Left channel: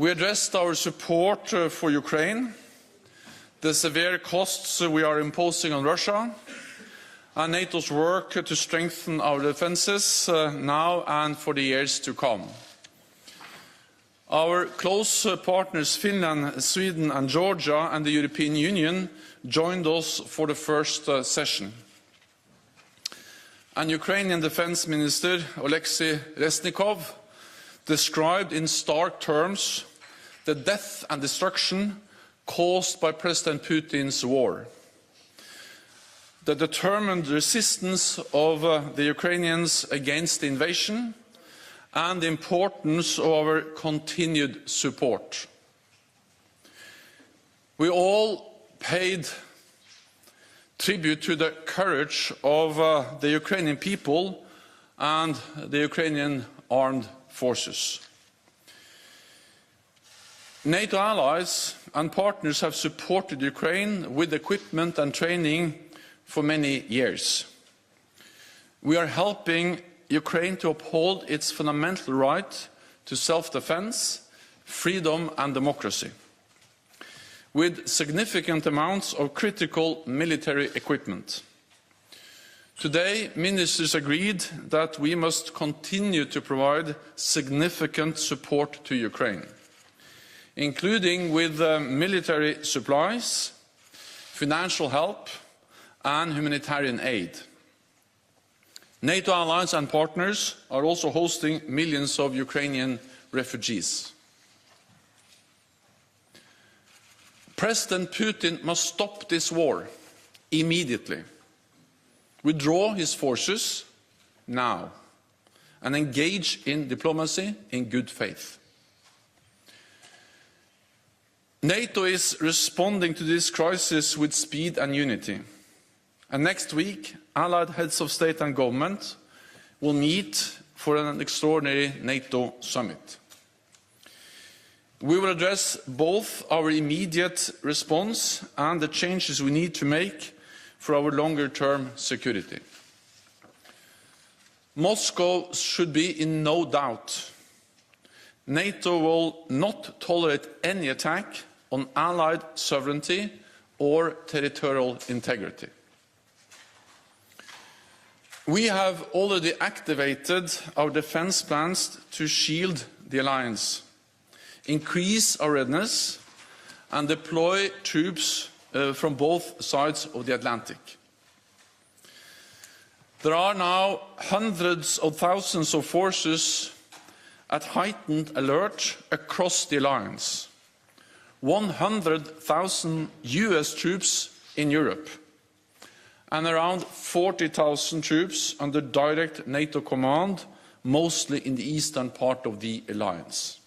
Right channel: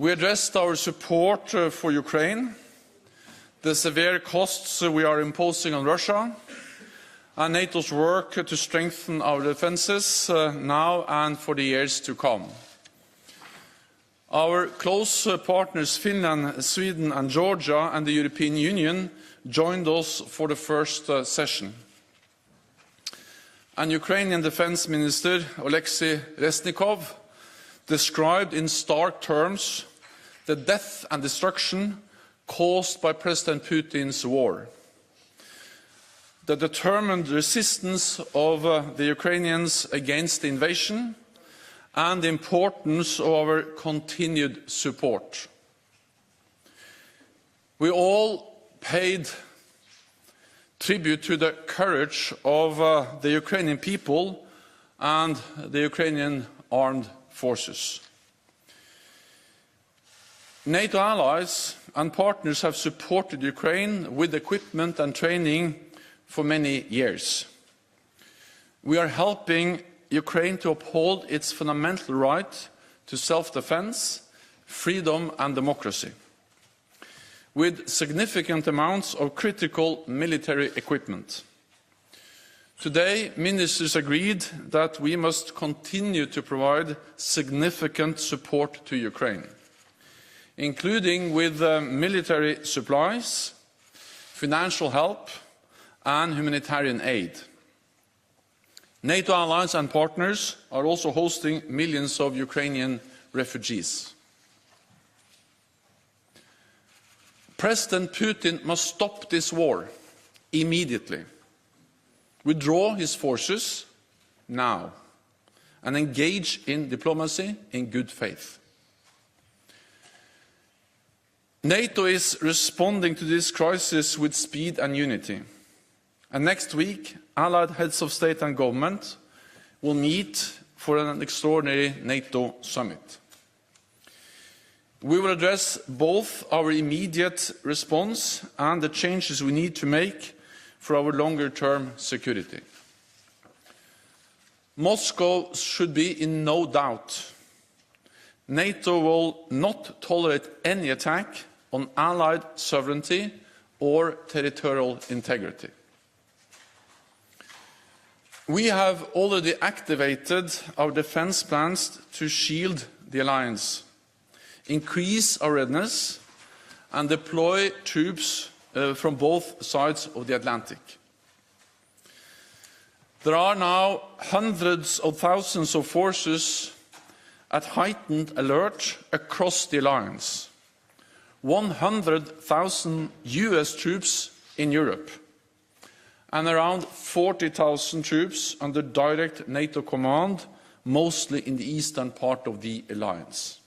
We addressed our support for Ukraine, the severe costs we are imposing on Russia, and NATO's work to strengthen our defences now and for the years to come. Our close partners Finland, Sweden and Georgia and the European Union joined us for the first session. And Ukrainian Defence Minister Oleksiy Reznikov described in stark terms the death and destruction caused by President Putin's war, the determined resistance of the Ukrainians against the invasion, and the importance of our continued support. We all paid tribute to the courage of the Ukrainian people and the Ukrainian armed forces. NATO allies and partners have supported Ukraine with equipment and training for many years. We are helping Ukraine to uphold its fundamental right to self-defense, freedom and democracy, with significant amounts of critical military equipment. Today, ministers agreed that we must continue to provide significant support to Ukraine, including with military supplies, financial help and humanitarian aid. NATO allies and partners are also hosting millions of Ukrainian refugees. President Putin must stop this war immediately, withdraw his forces now, and engage in diplomacy in good faith. NATO is responding to this crisis with speed and unity. And next week, allied heads of state and government will meet for an extraordinary NATO summit. We will address both our immediate response and the changes we need to make for our longer-term security. Moscow should be in no doubt. NATO will not tolerate any attack on allied sovereignty or territorial integrity. We have already activated our defence plans to shield the alliance, increase our readiness and deploy troops from both sides of the Atlantic. There are now hundreds of thousands of forces at heightened alert across the alliance, 100,000 US troops in Europe, and around 40,000 troops under direct NATO command, mostly in the eastern part of the alliance,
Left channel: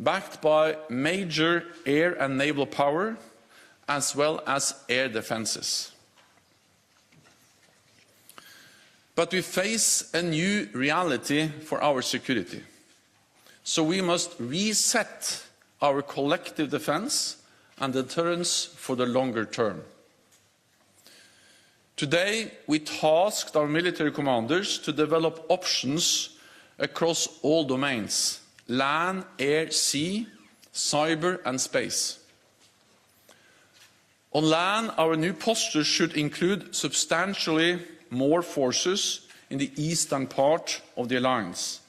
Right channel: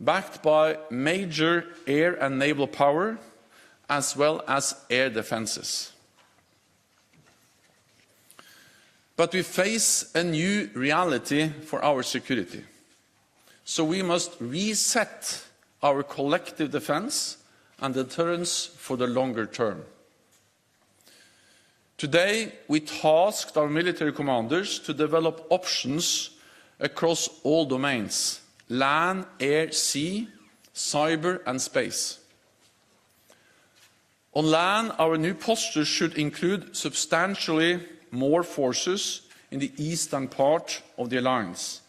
backed by major air and naval power, as well as air defences. But we face a new reality for our security, so we must reset our collective defence and deterrence for the longer term. Today, we tasked our military commanders to develop options across all domains: land, air, sea, cyber and space. On land, our new posture should include substantially more forces in the eastern part of the alliance,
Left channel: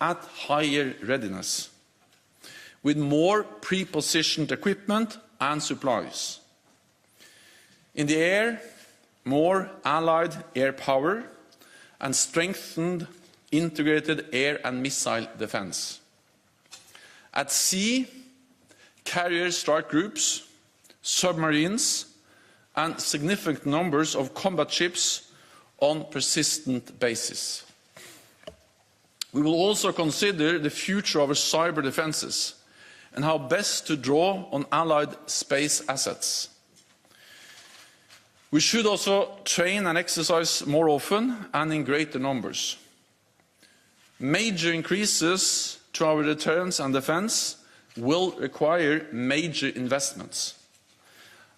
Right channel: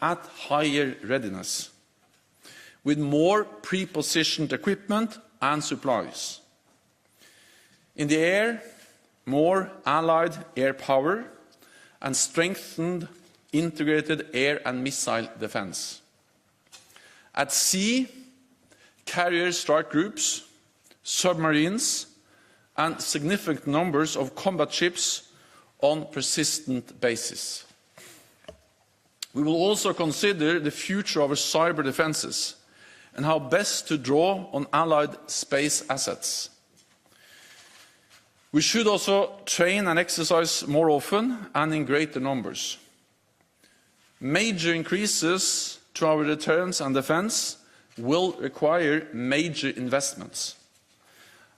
at higher readiness, with more pre-positioned equipment and supplies. In the air, more allied air power and strengthened integrated air and missile defence. At sea, carrier strike groups, submarines and significant numbers of combat ships on persistent basis. We will also consider the future of our cyber defences and how best to draw on allied space assets. We should also train and exercise more often and in greater numbers. Major increases to our deterrence and defence will require major investments.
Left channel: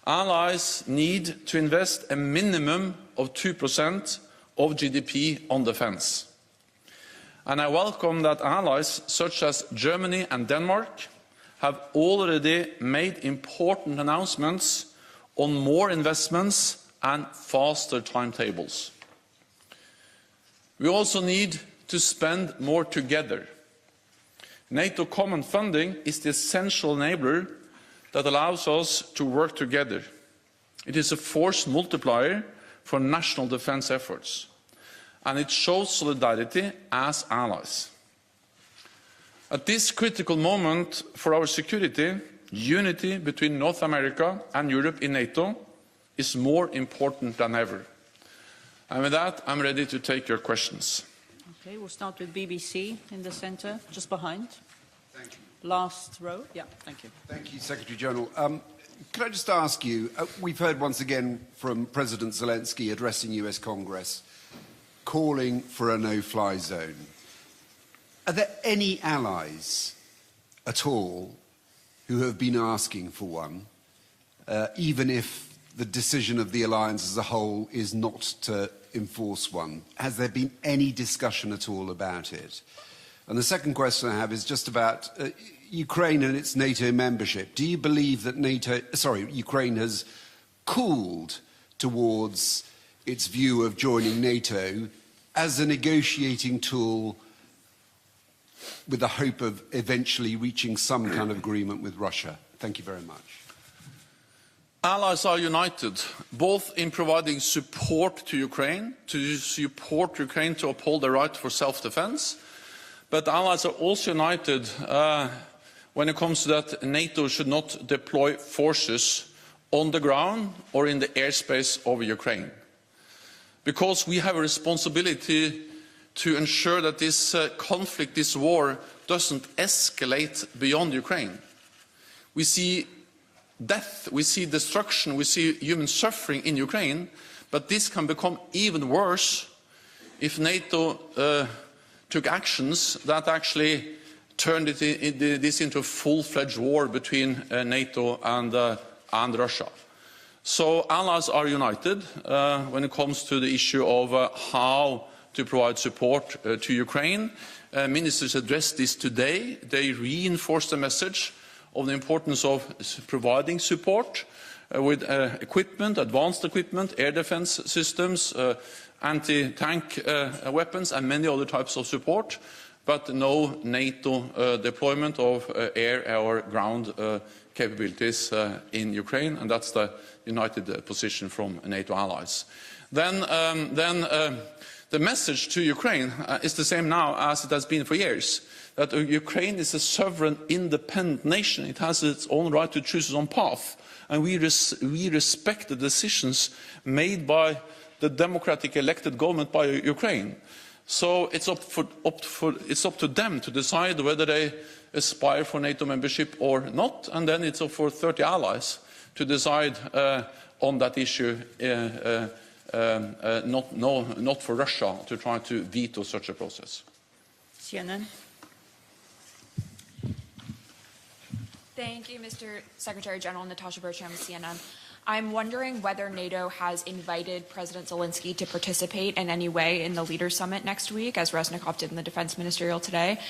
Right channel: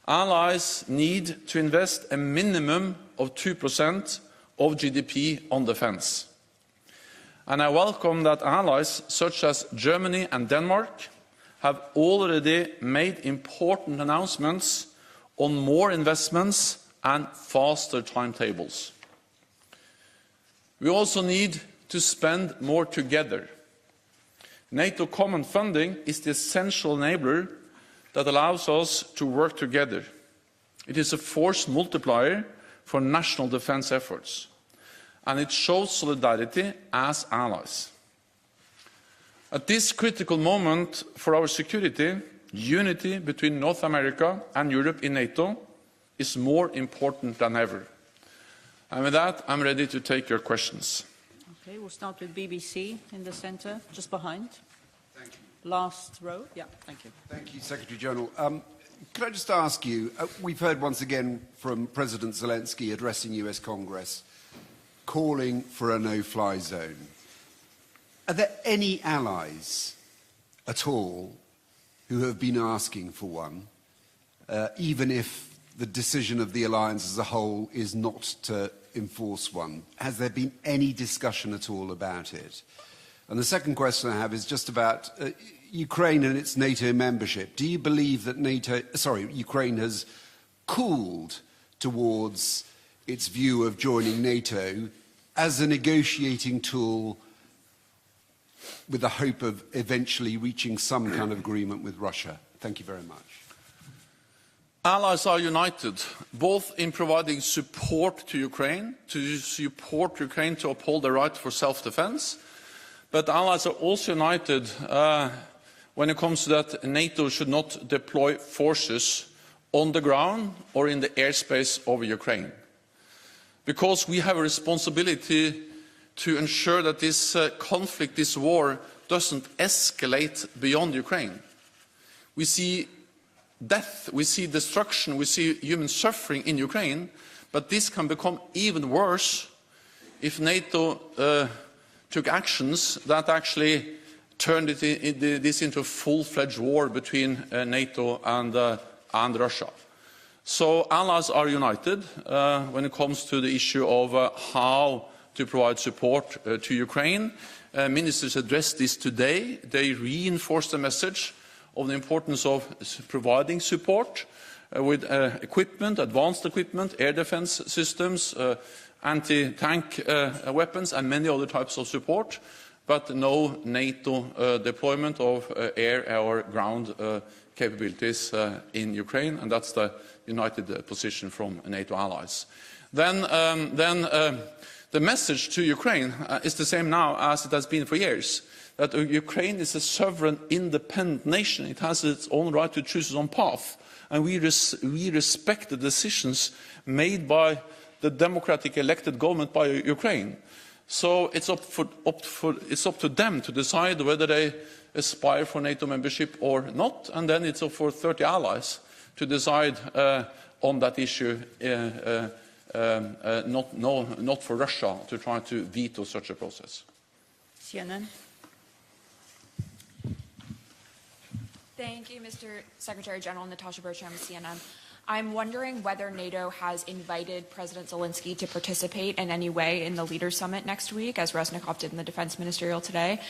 Allies need to invest a minimum of 2% of GDP on defence. And I welcome that allies such as Germany and Denmark have already made important announcements on more investments and faster timetables. We also need to spend more together. NATO common funding is the essential enabler that allows us to work together. It is a force multiplier for national defense efforts, and it shows solidarity as allies. At this critical moment for our security, unity between North America and Europe in NATO is more important than ever. And with that, I'm ready to take your questions. Okay, we'll start with BBC in the centre, just behind. Thank you. Last row. Yeah, thank you. Thank you, Secretary General. Can I just ask you, we've heard once again from President Zelensky addressing US Congress, calling for a no-fly zone. Are there any allies at all who have been asking for one, even if the decision of the alliance as a whole is not to enforce one? Has there been any discussion at all about it? And the second question I have is just about Ukraine and its NATO membership. Do you believe that Ukraine has cooled towards its view of joining NATO as a negotiating tool with the hope of eventually reaching some kind of agreement with Russia? Thank you very much. Allies are united, both in providing support to Ukraine to uphold the right for self-defense, but allies are also united when it comes to that NATO should not deploy forces on the ground or in the airspace over Ukraine. Because we have a responsibility to ensure that this conflict, this war, doesn't escalate beyond Ukraine. We see death, we see destruction, we see human suffering in Ukraine, but this can become even worse if NATO took actions that actually turned this into a full-fledged war between NATO and Russia. So allies are united when it comes to the issue of how to provide support to Ukraine. Ministers addressed this today. They reinforced the message of the importance of providing support with equipment, advanced equipment, air defense systems, anti-tank weapons and many other types of support, but no NATO deployment of air or ground capabilities in Ukraine, and that's the united position from NATO allies. Then the message to Ukraine is the same now as it has been for years, that Ukraine is a sovereign, independent nation. It has its own right to choose its own path, and we respect the decisions made by the democratic elected government by Ukraine. So it's up to them to decide whether they aspire for NATO membership or not, and then it's up for 30 allies to decide on that issue, not for Russia to try to veto such a process. CNN. Thank you, Mr. Secretary General. Natasha Bertram, CNN. I'm wondering whether NATO has invited President Zelensky to participate in any way in the Leaders' Summit next week, as Reznikov did in the Defense Ministerial today.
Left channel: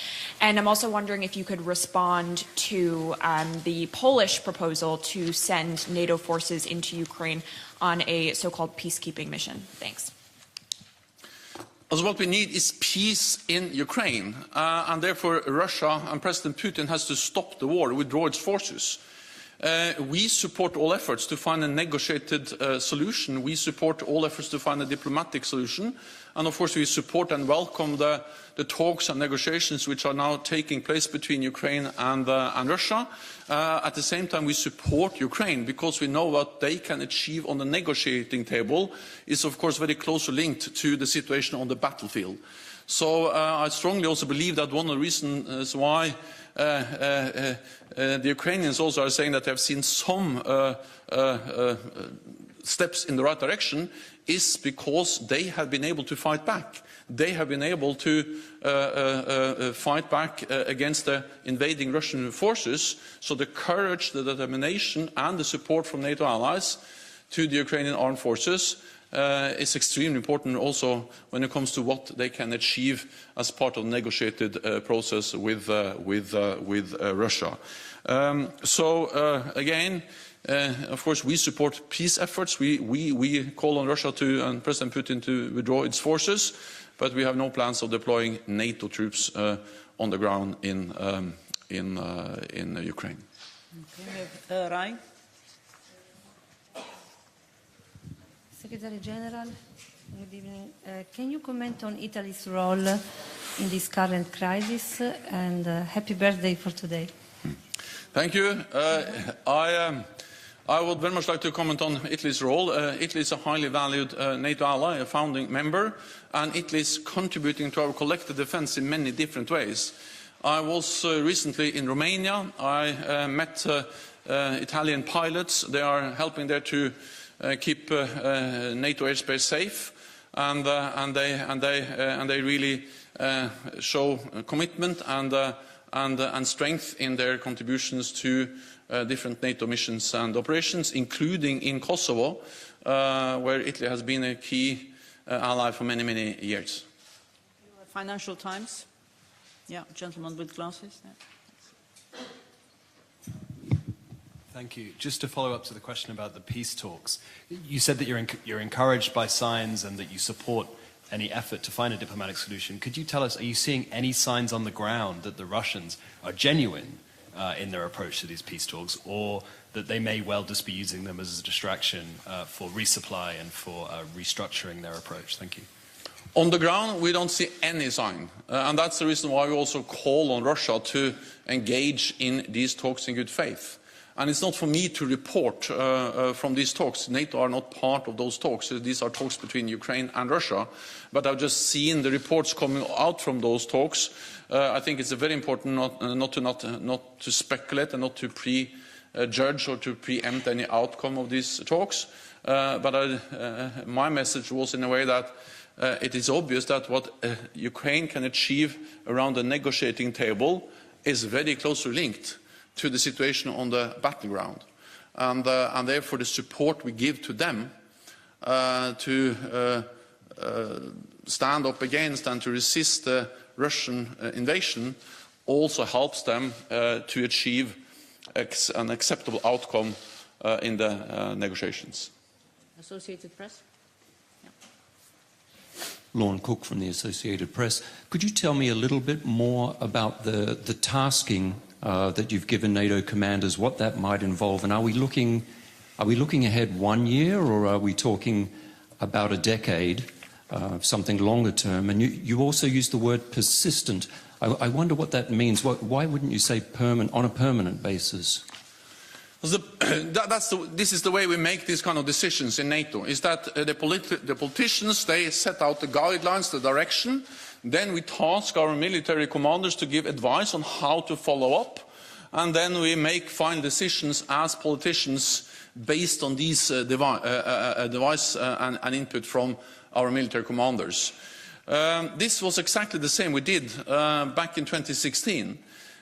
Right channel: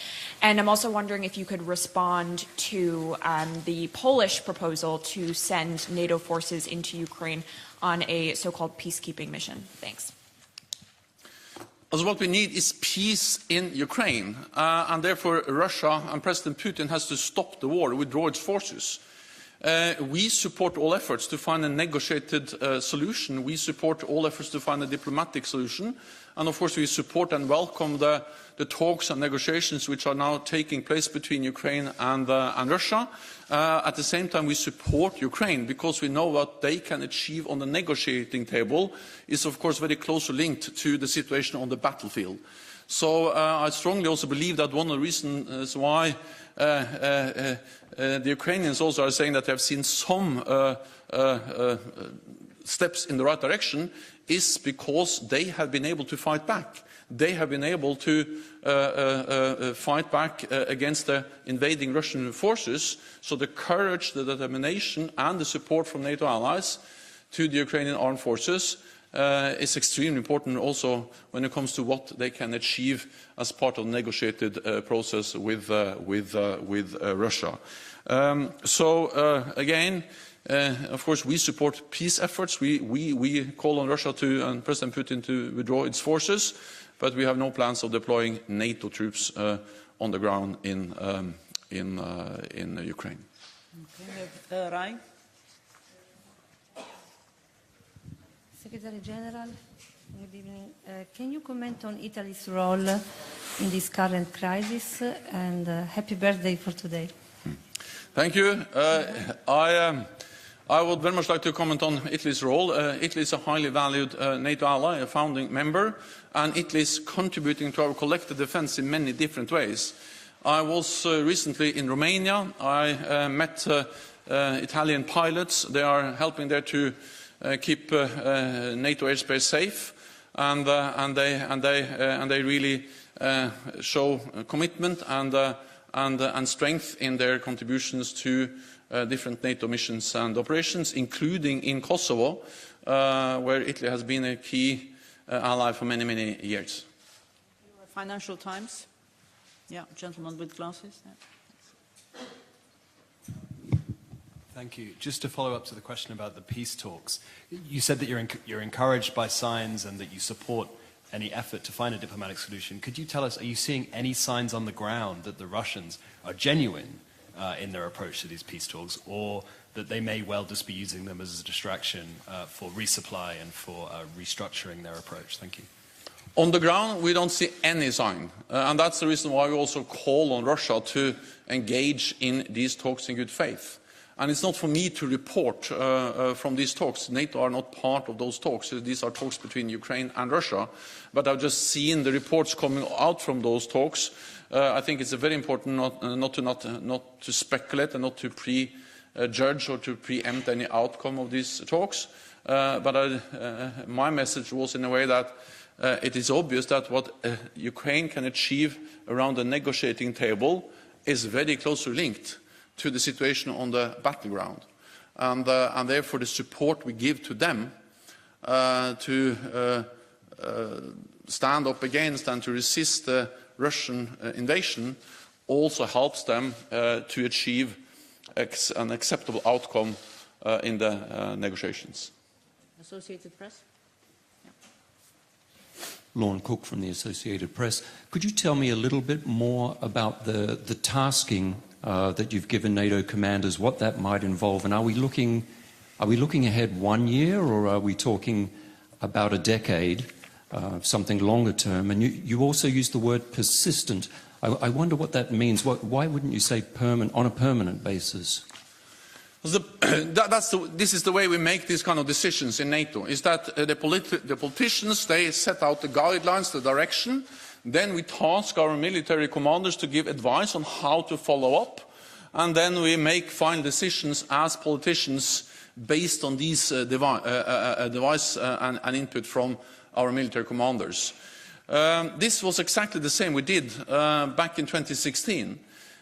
And I'm also wondering if you could respond to the Polish proposal to send NATO forces into Ukraine on a so-called peacekeeping mission. Thanks. Also, what we need is peace in Ukraine, and therefore Russia and President Putin has to stop the war, withdraw its forces. We support all efforts to find a negotiated solution. We support all efforts to find a diplomatic solution. And of course we support and welcome the talks and negotiations which are now taking place between Ukraine and Russia. At the same time we support Ukraine because we know what they can achieve on the negotiating table is of course very closely linked to the situation on the battlefield. So I strongly also believe that one of the reasons why the Ukrainians also are saying that they have seen some steps in the right direction is because they have been able to fight back. They have been able to fight back against the invading Russian forces. So the courage, the determination and the support from NATO allies to the Ukrainian armed forces is extremely important also when it comes to what they can achieve as part of the negotiated process with Russia. Again, of course, we support peace efforts. We call on Russia and President Putin to withdraw its forces, but we have no plans of deploying NATO troops on the ground in Ukraine. Okay, Rai. Secretary General, good evening. Can you comment on Italy's role in this current crisis? And happy birthday for today. Thank you. I would very much like to comment on Italy's role. Italy is a highly valued NATO ally, a founding member, and Italy is contributing to our collective defense in many different ways. I was recently in Romania. I met Italian pilots. They are helping there to keep NATO airspace safe, and they really show commitment and strength in their contributions to different NATO missions and operations, including in Kosovo, where Italy has been a key ally for many, many years. Financial Times. Yeah, gentleman with glasses. Yeah. Thank you. Just to follow up to the question about the peace talks, you said that you're encouraged by signs and that you support any effort to find a diplomatic solution. Could you tell us, are you seeing any signs on the ground that the Russians are genuine in their approach to these peace talks, or that they may well just be using them as a distraction for resupply and for restructuring their approach? Thank you. On the ground, we don't see any sign, and that's the reason why we also call on Russia to engage in these talks in good faith. And it's not for me to report from these talks. NATO are not part of those talks. These are talks between Ukraine and Russia. But I've just seen the reports coming out from those talks. I think it's very important not to speculate and not to prejudge or to preempt any outcome of these talks. But my message was in a way that it is obvious that what Ukraine can achieve around the negotiating table is very closely linked to the situation on the battleground, and therefore the support we give to them to stand up against and to resist the Russian invasion also helps them to achieve an acceptable outcome in the negotiations. Associated Press. Lorne Cook from the Associated Press. Could you tell me a little bit more about the tasking that you've given NATO commanders, what that might involve, and are we looking ahead 1 year, or are we talking about a decade, something longer term? And you also used the word persistent. I wonder what that means. Why wouldn't you say on a permanent basis? This is the way we make these kind of decisions in NATO, is that the politicians, they set out the guidelines, the direction, then we task our military commanders to give advice on how to follow up, and then we make final decisions as politicians based on these advice and input from our military commanders. This was exactly the same we did back in 2016.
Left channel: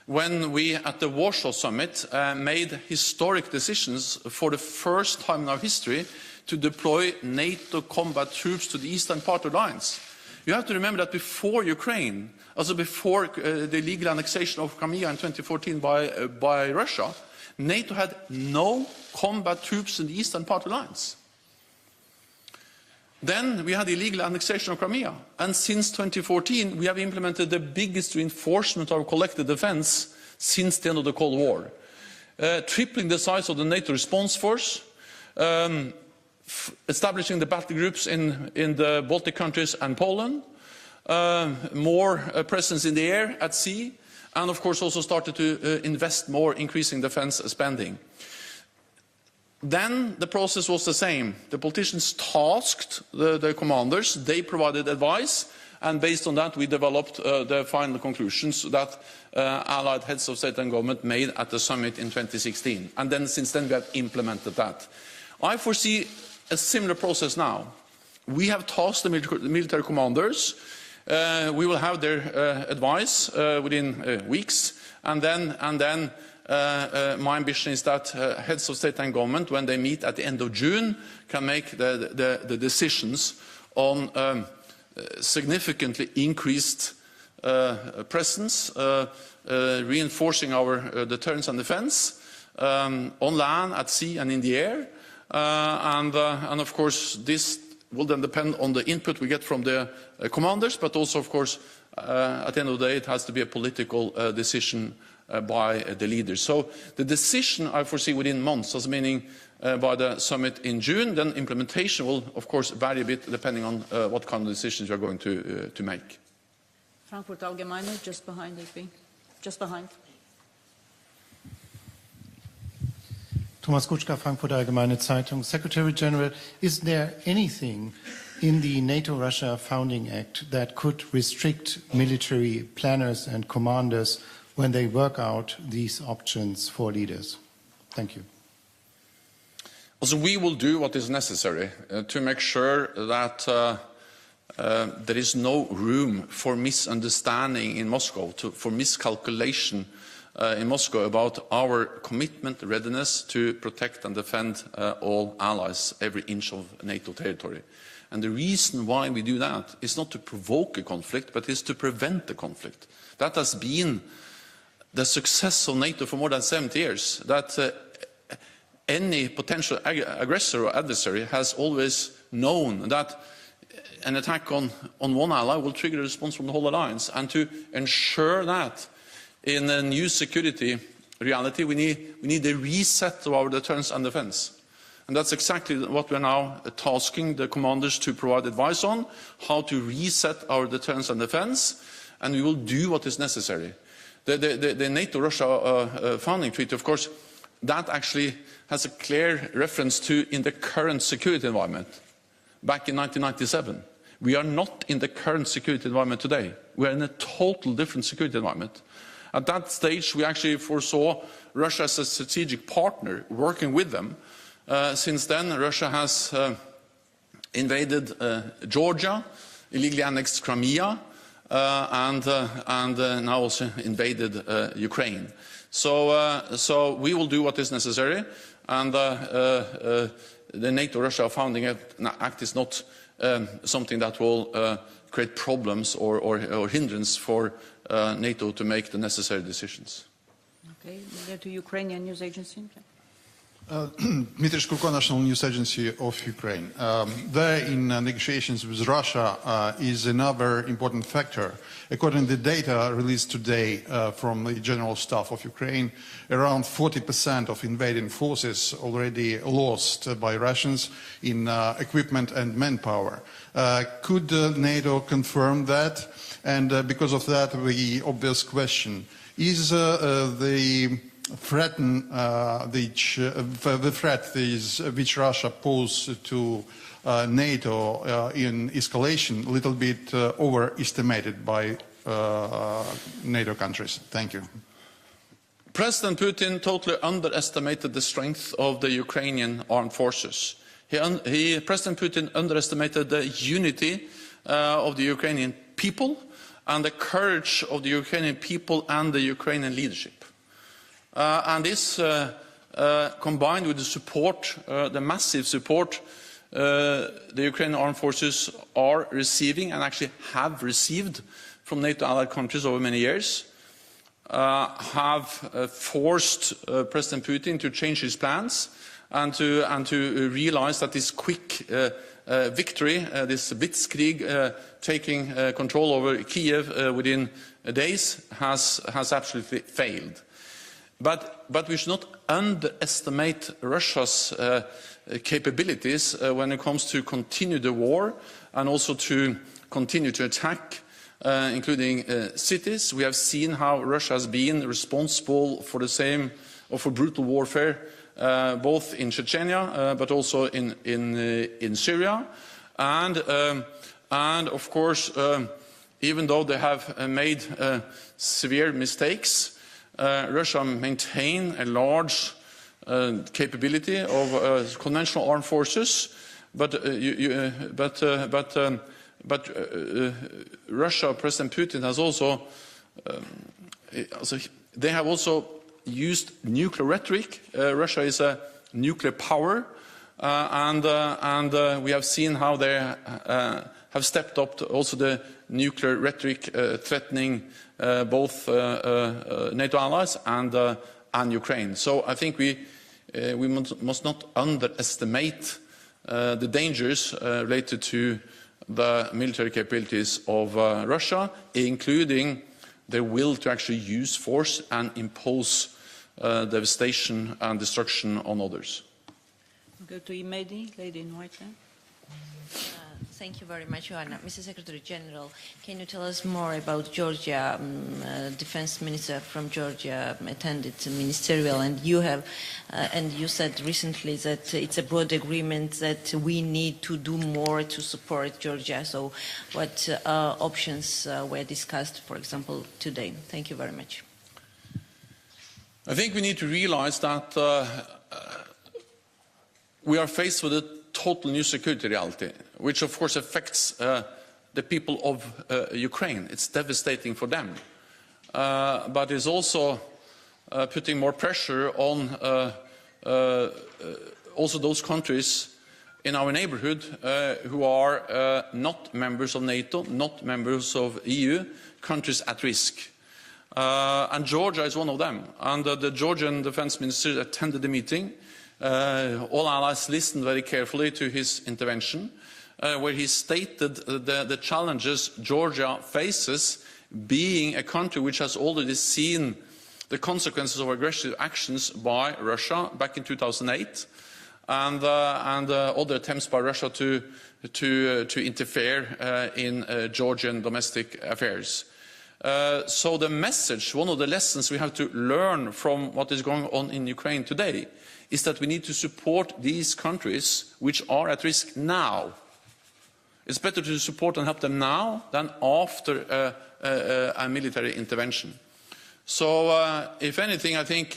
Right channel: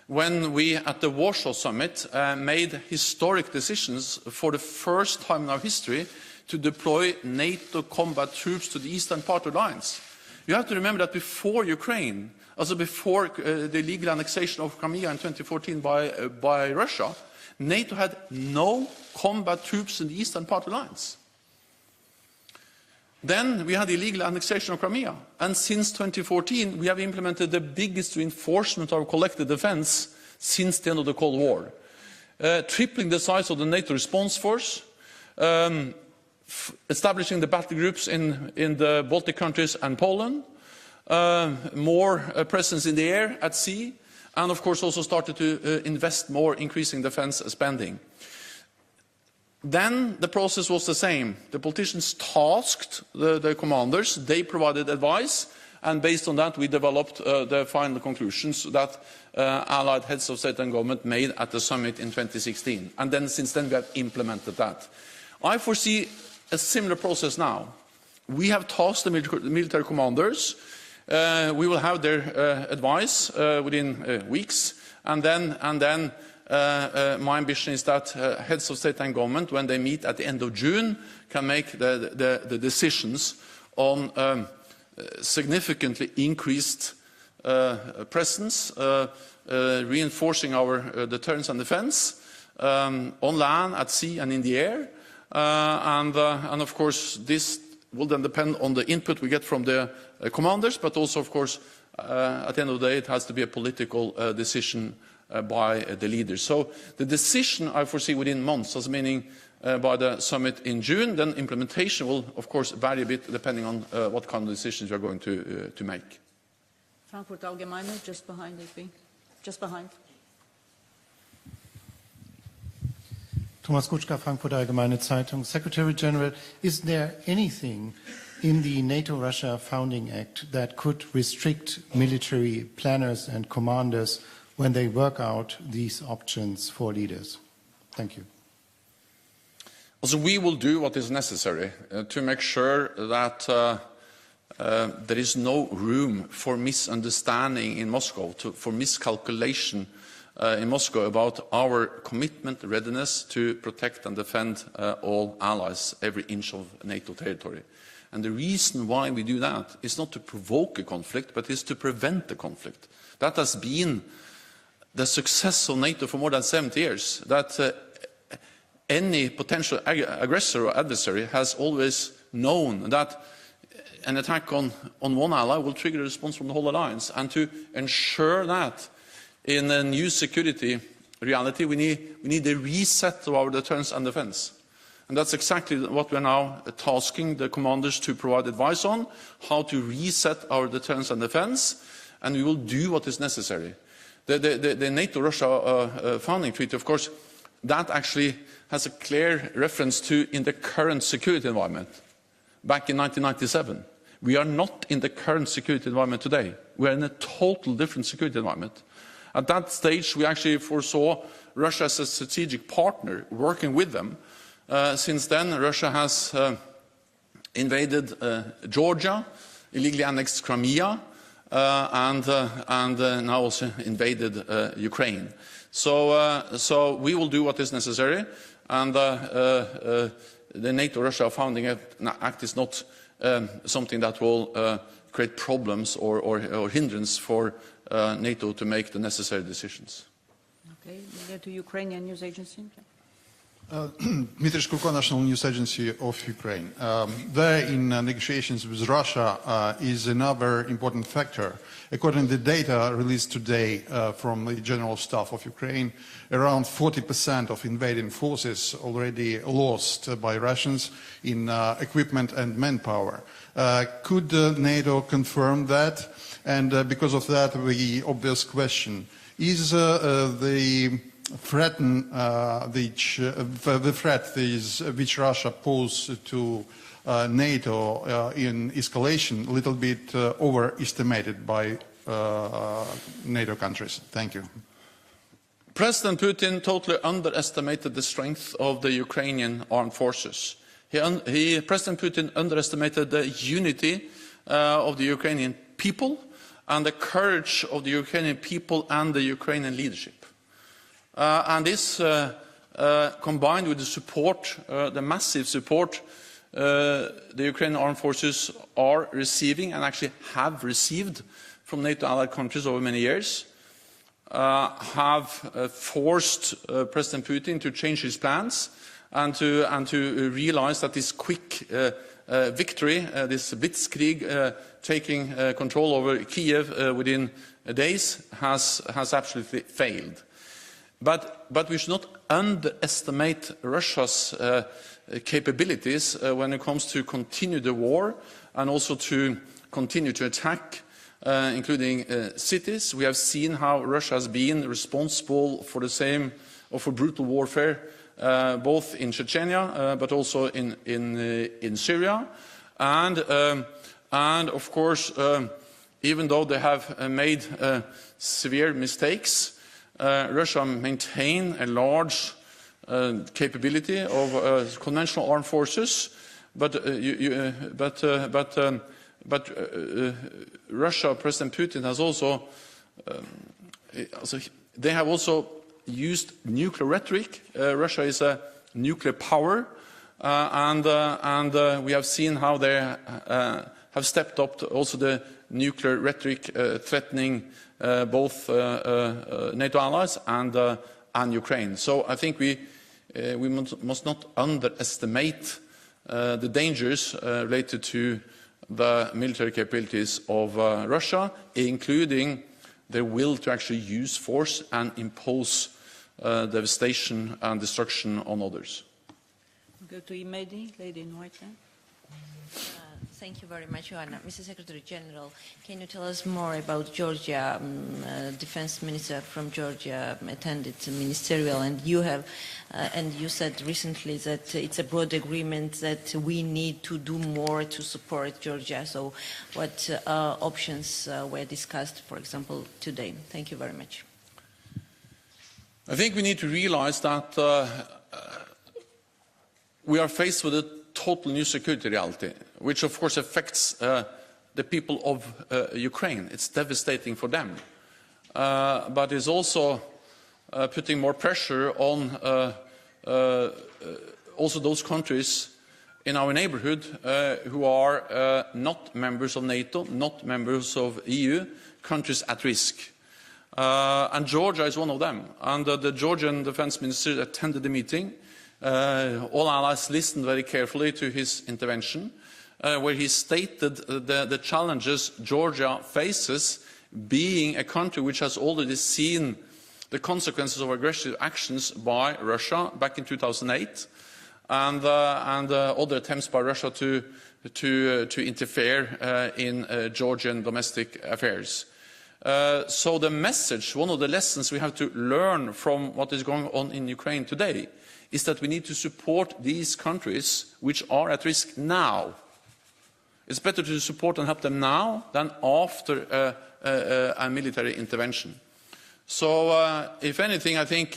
When we, at the Warsaw Summit, made historic decisions for the first time in our history to deploy NATO combat troops to the eastern part of the alliance. You have to remember that before Ukraine, also before the illegal annexation of Crimea in 2014 by Russia, NATO had no combat troops in the eastern part of the alliance. Then we had the illegal annexation of Crimea, and since 2014 we have implemented the biggest reinforcement of our collective defense since the end of the Cold War, tripling the size of the NATO response force, establishing the battle groups in the Baltic countries and Poland, more presence in the air, at sea, and of course also started to invest more, increasing defense spending. Then the process was the same. The politicians tasked the commanders, they provided advice, and based on that we developed the final conclusions that Allied heads of state and government made at the summit in 2016. And then since then we have implemented that. I foresee a similar process now. We have tasked the military commanders. We will have their advice within weeks, and then my ambition is that heads of state and government, when they meet at the end of June, can make the decisions on significantly increased presence, reinforcing our deterrence and defense on land, at sea and in the air. And of course, this will then depend on the input we get from the commanders, but also, of course, at the end of the day, it has to be a political decision by the leaders. So the decision I foresee within months, as meaning by the summit in June, then implementation will, of course, vary a bit depending on what kind of decisions we're going to make. Frankfurt Allgemeine, just behind you, just behind. Thomas Kutschka, Frankfurt Allgemeine Zeitung. Secretary General, is there anything in the NATO-Russia Founding Act that could restrict military planners and commanders when they work out these options for leaders? Thank you. Also, we will do what is necessary to make sure that there is no room for misunderstanding in Moscow, for miscalculation in Moscow about our commitment, readiness to protect and defend all allies, every inch of NATO territory. And the reason why we do that is not to provoke a conflict, but is to prevent the conflict. That has been the success of NATO for more than 70 years, that any potential aggressor or adversary has always known that an attack on one ally will trigger a response from the whole alliance. And to ensure that in a new security reality, we need a reset of our deterrence and defense. And that's exactly what we're now tasking the commanders to provide advice on, how to reset our deterrence and defense, and we will do what is necessary. The NATO-Russia founding treaty, of course, that actually has a clear reference to in the current security environment back in 1997. We are not in the current security environment today. We are in a total different security environment. At that stage, we actually foresaw Russia as a strategic partner, working with them. Since then, Russia has invaded Georgia, illegally annexed Crimea, and now also invaded Ukraine. So we will do what is necessary, and the NATO-Russia Founding Act is not something that will create problems or hindrance for NATO to make the necessary decisions. Okay, we get to Ukrainian news agency. Okay. Dmitry Shkurko, National News Agency of Ukraine. There in negotiations with Russia is another important factor. According to the data released today from the General Staff of Ukraine, around 40% of invading forces already lost by Russians in equipment and manpower. Could NATO confirm that? And because of that, the obvious question, is the threat which Russia poses to NATO in escalation a little bit overestimated by NATO countries? Thank you. President Putin totally underestimated the strength of the Ukrainian armed forces. President Putin underestimated the unity of the Ukrainian people and the courage of the Ukrainian people and the Ukrainian leadership. And this, combined with the support, the massive support the Ukrainian armed forces are receiving and actually have received from NATO allied countries over many years, have forced President Putin to change his plans and to realize that this quick victory, this blitzkrieg, taking control over Kiev within days, has absolutely failed. But we should not underestimate Russia's capabilities when it comes to continue the war and also to continue to attack, including cities. We have seen how Russia has been responsible for the same, or for brutal warfare, both in Chechnya, but also in Syria. And of course, even though they have made severe mistakes, Russia maintains a large capability of conventional armed forces, but Russia, President Putin has also, they have also used nuclear rhetoric. Russia is a nuclear power, and we have seen how they have stepped up to also the nuclear rhetoric threatening both NATO allies and Ukraine. So I think we must not underestimate the dangers related to the military capabilities of Russia, including their will to actually use force and impose devastation and destruction on others. We'll go to Imedi, lady in white there. Thank you very much, Joanna. Mr. Secretary General, can you tell us more about Georgia? Defense Minister from Georgia attended the ministerial, and you have, and you said recently that it's a broad agreement that we need to do more to support Georgia. So, what options were discussed, for example, today? Thank you very much. I think we need to realize that we are faced with a total new security reality, which of course affects the people of Ukraine. It's devastating for them, but it's also putting more pressure on also those countries in our neighborhood who are not members of NATO, not members of EU, countries at risk. And Georgia is one of them. And the Georgian defense minister attended the meeting. All allies listened very carefully to his intervention, where he stated the challenges Georgia faces, being a country which has already seen the consequences of aggressive actions by Russia back in 2008, and other attempts by Russia to interfere in Georgian domestic affairs. So the message, one of the lessons we have to learn from what is going on in Ukraine today, is that we need to support these countries which are at risk now. It's better to support and help them now than after a military intervention. So, if anything, I think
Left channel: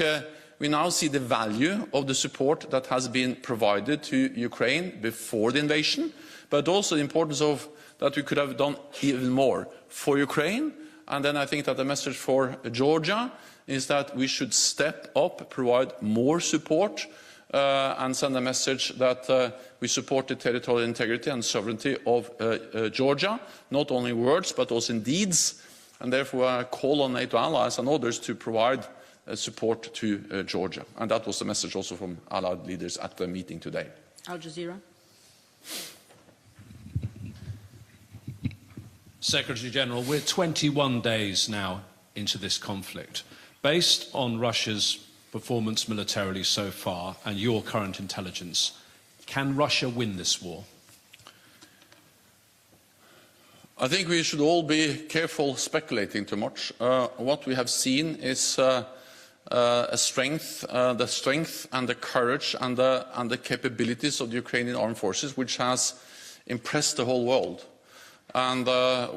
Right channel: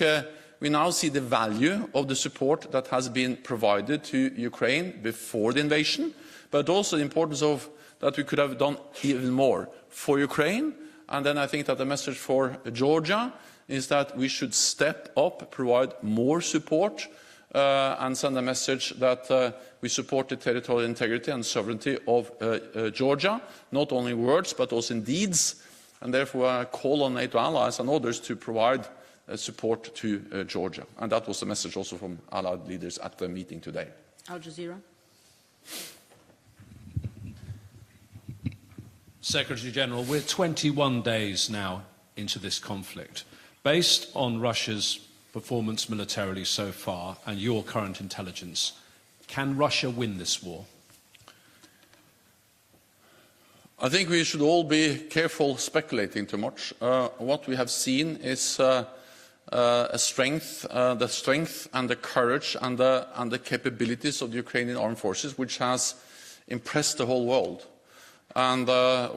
we now see the value of the support that has been provided to Ukraine before the invasion, but also the importance of that we could have done even more for Ukraine. And then I think that the message for Georgia is that we should step up, provide more support, and send a message that we support the territorial integrity and sovereignty of Georgia, not only in words but also in deeds, and therefore I call on NATO allies and others to provide support to Georgia. And that was the message also from allied leaders at the meeting today. Al Jazeera. Secretary General, we're 21 days now into this conflict. Based on Russia's performance militarily so far and your current intelligence, can Russia win this war? I think we should all be careful speculating too much. What we have seen is the strength and the courage and the capabilities of the Ukrainian armed forces, which has impressed the whole world, and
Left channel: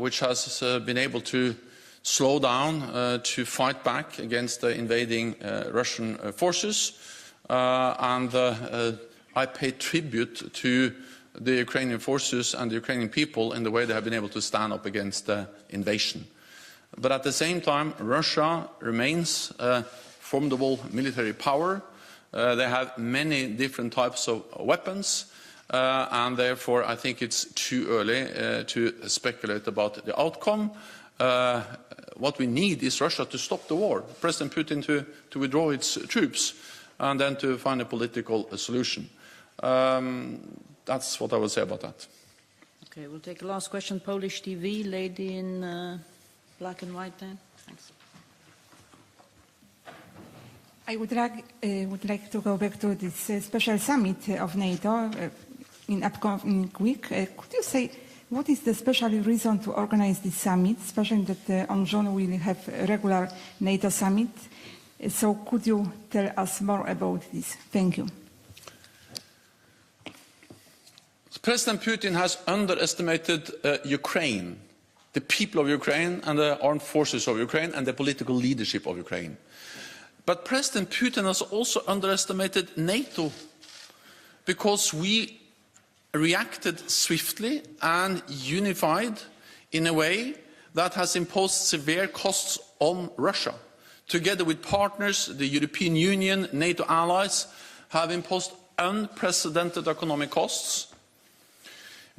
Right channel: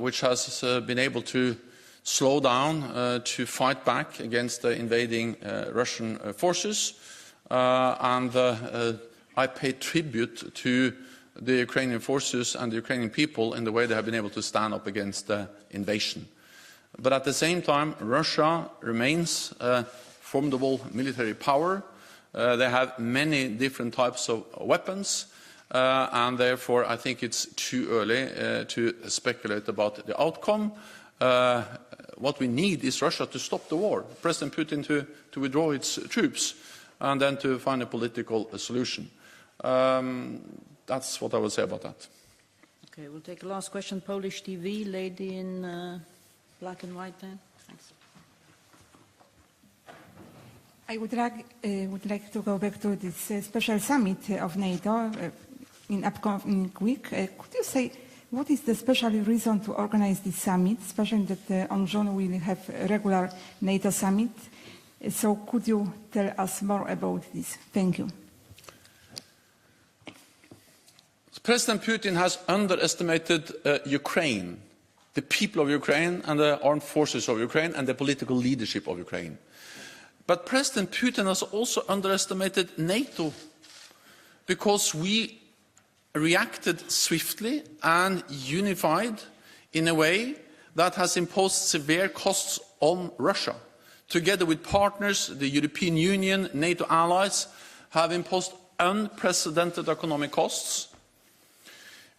which has been able to slow down, to fight back against the invading Russian forces. And I pay tribute to the Ukrainian forces and the Ukrainian people in the way they have been able to stand up against the invasion. But at the same time, Russia remains a formidable military power. They have many different types of weapons, and therefore I think it's too early to speculate about the outcome. What we need is Russia to stop the war, President Putin to withdraw its troops, and then to find a political solution. That's what I would say about that. Okay, we'll take a last question. Polish TV, lady in black and white there. Thanks. I would like to go back to this special summit of NATO in upcoming week. Could you say what is the special reason to organize this summit, especially that on June we will have a regular NATO summit? So could you tell us more about this? Thank you. President Putin has underestimated Ukraine, the people of Ukraine and the armed forces of Ukraine and the political leadership of Ukraine. But President Putin has also underestimated NATO, because we reacted swiftly and unified in a way that has imposed severe costs on Russia. together with partners, the European Union, NATO allies, have imposed unprecedented economic costs.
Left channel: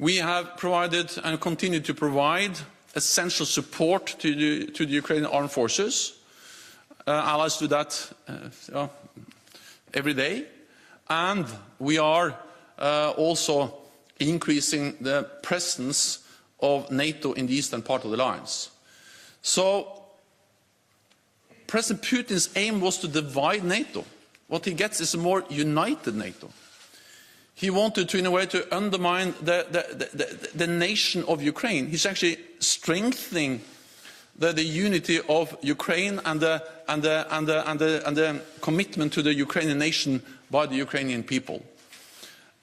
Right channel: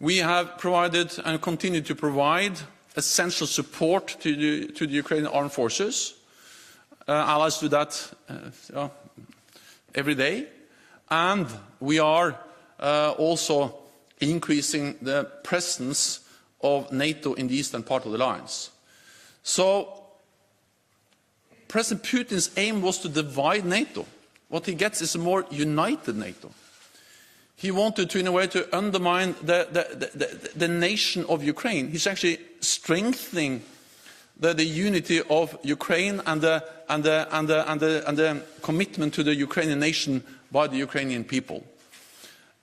We have provided and continue to provide essential support to the Ukrainian armed forces. Allies do that every day. And we are also increasing the presence of NATO in the eastern part of the alliance. So President Putin's aim was to divide NATO. What he gets is a more united NATO. He wanted to, in a way, to undermine the nation of Ukraine. He's actually strengthening the unity of Ukraine and the commitment to the Ukrainian nation by the Ukrainian people.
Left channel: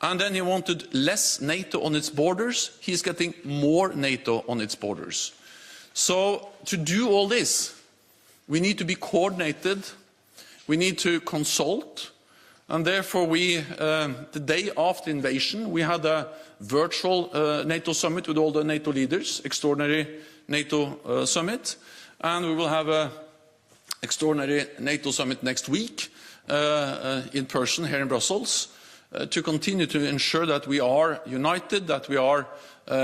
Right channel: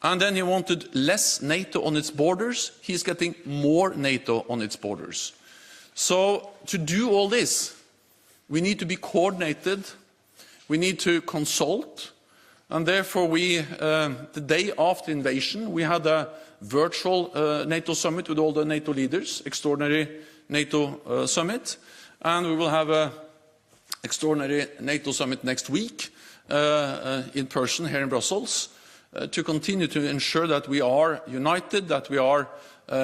And then he wanted less NATO on its borders. He's getting more NATO on its borders. So to do all this, we need to be coordinated. We need to consult. And therefore, the day after invasion, we had a virtual NATO summit with all the NATO leaders, extraordinary NATO summit. And we will have an extraordinary NATO summit next week in person here in Brussels to continue to ensure that we are united, that we are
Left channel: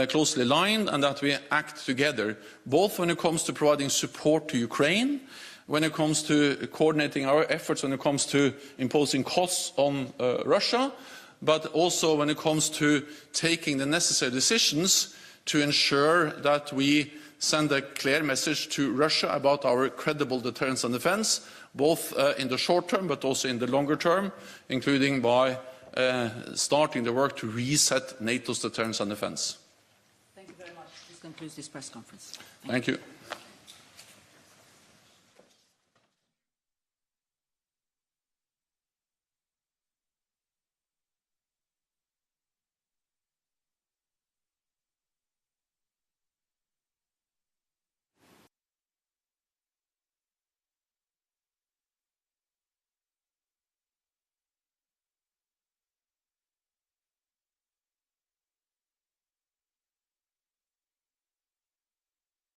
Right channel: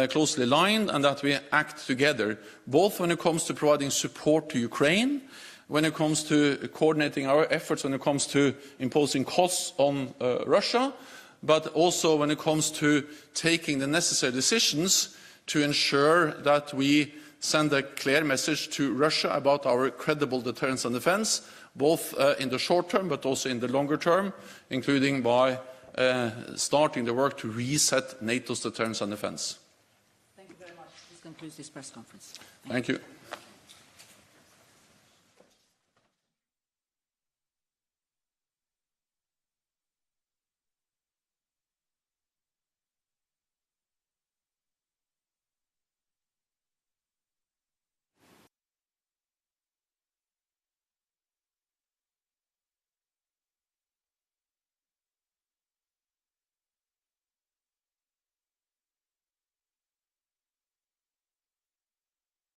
closely aligned, and that we act together, both when it comes to providing support to Ukraine, when it comes to coordinating our efforts, when it comes to imposing costs on Russia, but also when it comes to taking the necessary decisions to ensure that we send a clear message to Russia about our credible deterrence and defense, both in the short term but also in the longer term, including by starting the work to reset NATO's deterrence and defense. Thank you very much. This concludes this press conference. Thank you.